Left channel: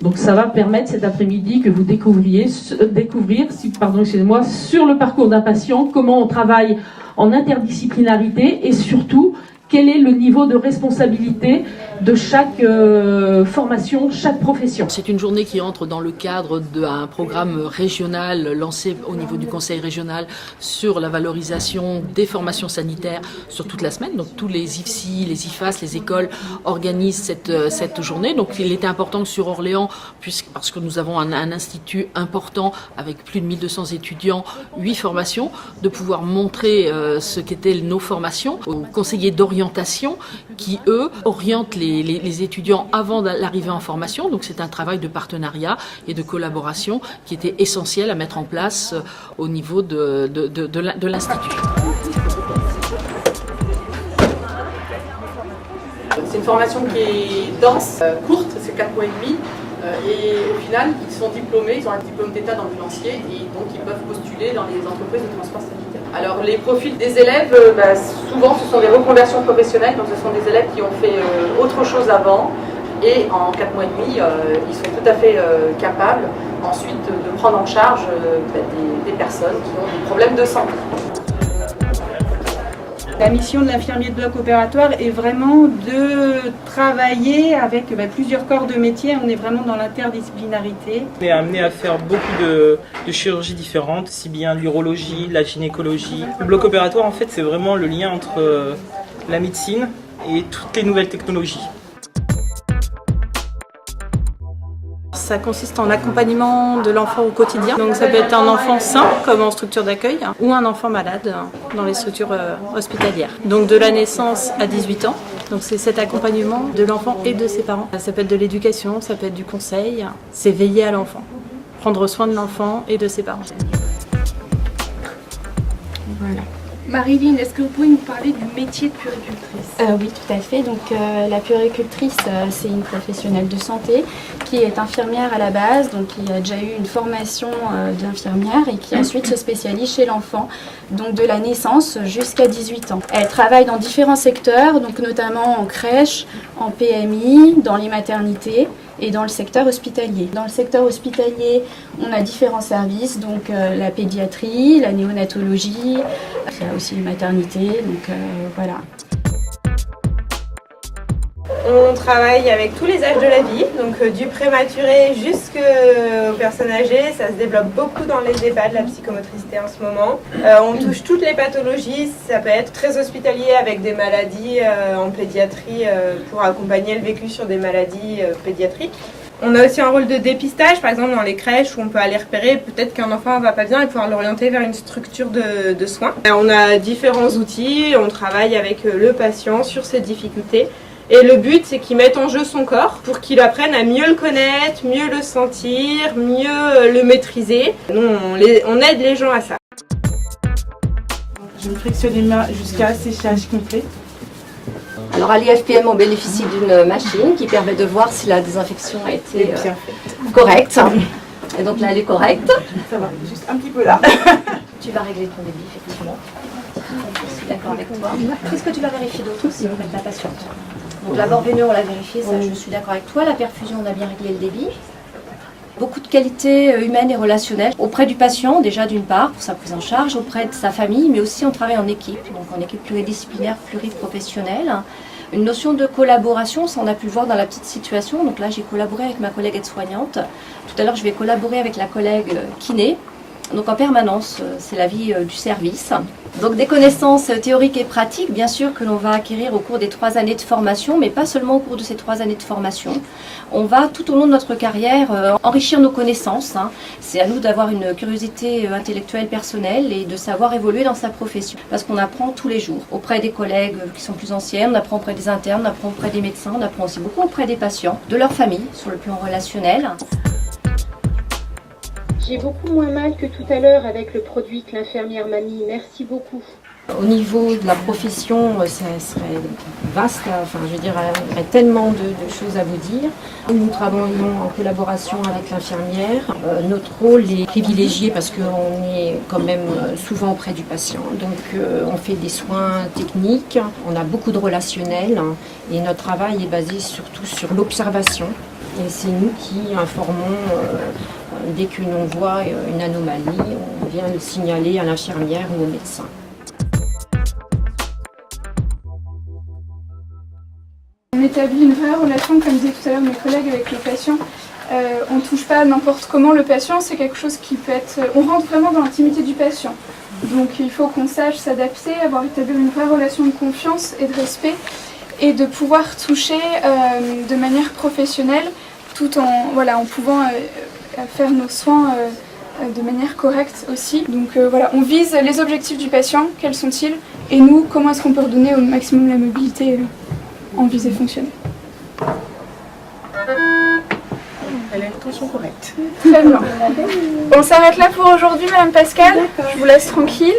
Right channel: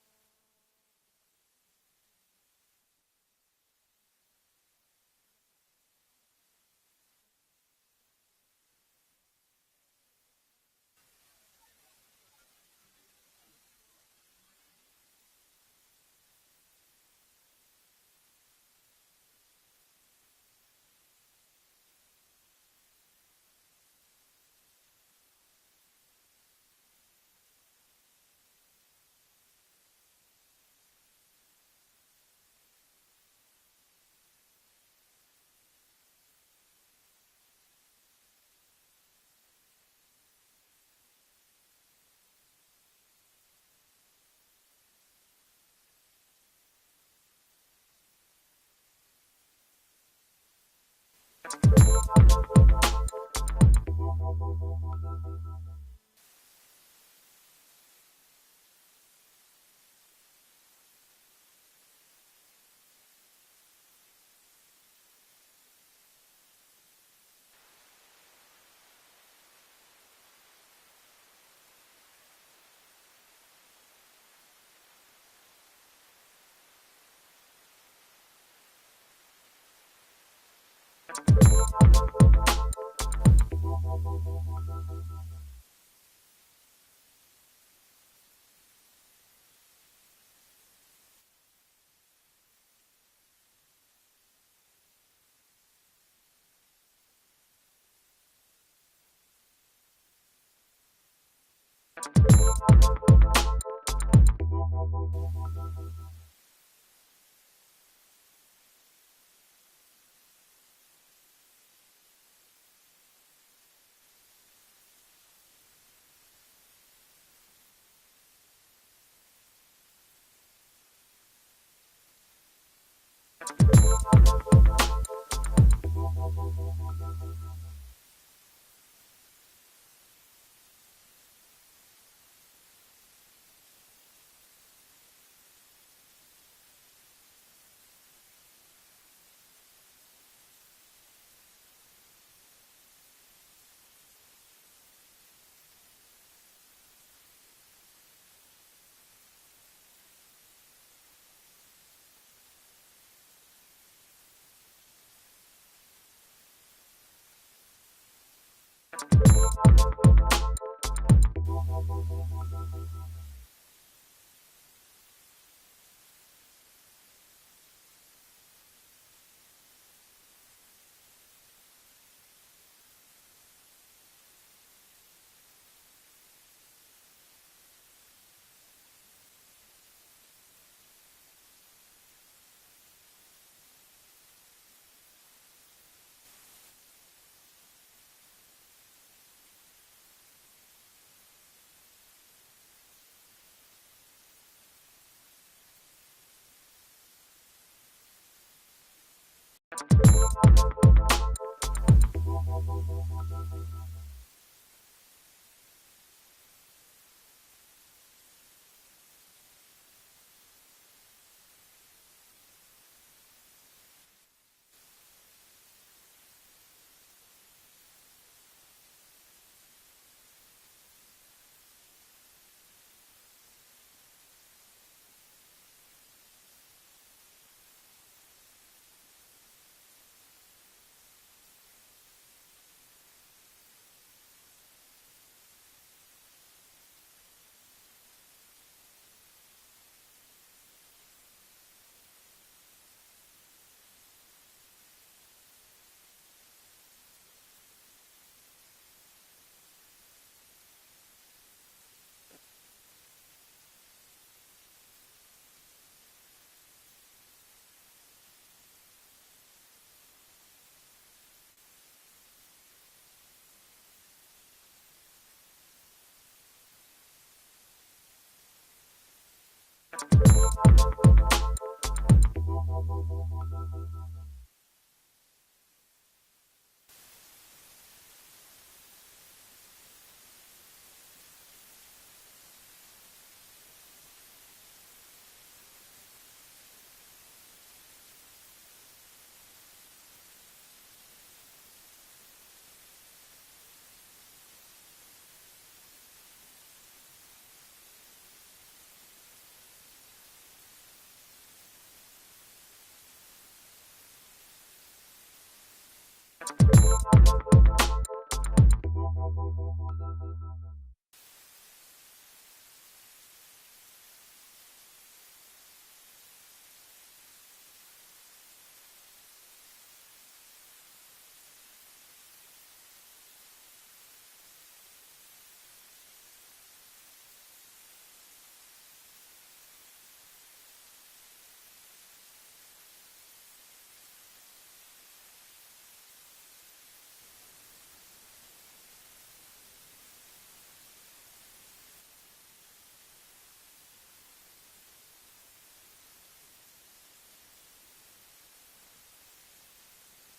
Donc ça va permettre cet après-midi que vous découvrir sur le parcours d'un patient, comment on travaille en interdisciplinarité et surtout quel est le niveau de responsabilité de chaque formation, chaque profession. C'est une journée qui entre dans le cadre d'un programme régional lancé au niveau du Conseil régional sur la valorisation des formations sanitaires sur toute la semaine. Donc tous les IFSI, les IFAS, les écoles organisent cette journée. Donc il était important que sur Orléans, parce que nous avons un institut important avec plus de 1200 étudiants, 8 formations, de pouvoir montrer ce qu'étaient nos formations aux conseillers d'orientation qui, eux, orientent les étudiants avant l'arrivée en formation. Donc c'est un travail de partenariat et de collaboration qui était essentiel à mettre en place au niveau de l'Institut. C'est une formation qui est dense, courte, c'est 4 mois et demi. Et au final, ils sont diplômés, ils ont un diplôme d'état d'ambulancier et donc ils peuvent postuler dans les entreprises de transport sanitaire. Alors les profils des élèves, souvent ce sont des reconversions professionnelles, donc ce sont des élèves qui ont fait autre chose avant et en 4 mois et demi, ils sont tout à fait capables ensuite de prendre en charge des personnes qui ont des problèmes de santé. La mission de l'infirmier de bloc opératoire est vraiment de travailler avec plusieurs corps de métier. On est vraiment dans l'interdisciplinarité. On est amené à faire beaucoup de chirurgies différentes, si bien l'urologie, la gynécologie. Le bloc opératoire, en fait, c'est vraiment le lien entre la médecine et toutes les nouvelles technologies. Ça consiste en accompagnement de l'enfant au quotidien. Donc ça peut être un enfant sain, comme en structure d'accueil, ou un enfant malade dans les structures hospitalières. Donc de la naissance à 18 ans. Donc c'est cet accompagnement de l'enfant et de ses parents. Ça peut être de l'éducation, ça peut être du conseil. C'est veiller à l'enfant, prendre soin de l'enfant et de ses parents. Voilà. Marilyn, est-ce que vous pouvez nous parler du métier de puéricultrice? Oui, tout à fait. Donc, la puéricultrice, c'est une professionnelle de santé qui est infirmière à la base, donc qui a déjà eu une formation d'infirmière et qui ensuite se spécialise chez l'enfant, donc de la naissance jusqu'à 18 ans. Elle travaille dans différents secteurs, donc notamment en crèche, en PMI, dans les maternités et dans le secteur hospitalier. Dans le secteur hospitalier, on a différents services, donc la pédiatrie, la néonatologie, il y a aussi les maternités, donc voilà. On travaille avec tous les âges de la vie, donc du prématuré jusqu'aux personnes âgées. Ça se développe beaucoup dans les EHPAD, la psychomotricité en ce moment. On touche toutes les pathologies, ça peut être très hospitalier avec des maladies en pédiatrie pour accompagner le vécu sur des maladies pédiatriques. On a aussi un rôle de dépistage, par exemple dans les crèches où on peut aller repérer peut-être qu'un enfant ne va pas bien et pouvoir l'orienter vers une structure de soins. On a différents outils, on travaille avec le patient sur ses difficultés. Et le but, c'est qu'il mette en jeu son corps pour qu'il apprenne à mieux le connaître, mieux le sentir, mieux le maîtriser. Nous, on aide les gens à ça. Je me frictionne les mains jusqu'à séchage complet. Alors à l'IFPM, on bénéficie d'une machine qui permet de voir si la désinfection a été correcte. Et donc là, elle est correcte. Ça va, juste un petit peu là. Tu vas régler ton débit, effectivement. Je suis d'accord avec toi. Qu'est-ce que tu vas vérifier d'autre aussi avec la patiente? Donc la veineux, on l'a vérifié, ça, je suis d'accord avec toi. La perfusion, on a bien réglé le débit. Beaucoup de qualités humaines et relationnelles auprès du patient, déjà d'une part, pour sa prise en charge, auprès de sa famille, mais aussi on travaille en équipe, donc en équipe pluridisciplinaire, pluriprofessionnelle. Une notion de collaboration, ça on a pu le voir dans la petite situation. Donc là, j'ai collaboré avec ma collègue aide-soignante. Tout à l'heure, je vais collaborer avec la collègue kiné. Donc en permanence, c'est la vie du service. Donc des connaissances théoriques et pratiques, bien sûr, que l'on va acquérir au cours des 3 années de formation, mais pas seulement au cours de ces 3 années de formation. On va, tout au long de notre carrière, enrichir nos connaissances. C'est à nous d'avoir une curiosité intellectuelle personnelle et de savoir évoluer dans sa profession. Parce qu'on apprend tous les jours, auprès des collègues qui sont plus anciens, on apprend auprès des internes, on apprend auprès des médecins, on apprend aussi beaucoup auprès des patients, de leur famille, sur le plan relationnel. J'ai beaucoup moins mal que tout à l'heure avec le produit que l'infirmière m'a mis. Merci beaucoup. Au niveau de la profession, ça serait vaste, enfin, je veux dire, il y a tellement de choses à vous dire. Nous travaillons en collaboration avec l'infirmière. Notre rôle est privilégié parce qu'on est quand même souvent auprès du patient. Donc on fait des soins techniques, on a beaucoup de relationnel et notre travail est basé surtout sur l'observation. Et c'est nous qui informons, dès que l'on voit une anomalie, on vient le signaler à l'infirmière ou au médecin. On établit une vraie relation, comme disaient tout à l'heure mes collègues, avec le patient. On ne touche pas n'importe comment le patient, c'est quelque chose qui peut être... On rentre vraiment dans l'intimité du patient. Donc il faut qu'on sache s'adapter, avoir établi une vraie relation de confiance et de respect, et de pouvoir toucher de manière professionnelle, tout en pouvant faire nos soins de manière correcte aussi. Donc on vise les objectifs du patient, quels sont-ils, et nous, comment est-ce qu'on peut redonner au maximum la mobilité en visée fonctionnelle. Elle a une tension correcte. Très bien. On s'arrête là pour aujourd'hui, Madame Pascal. Je vous laisse tranquille.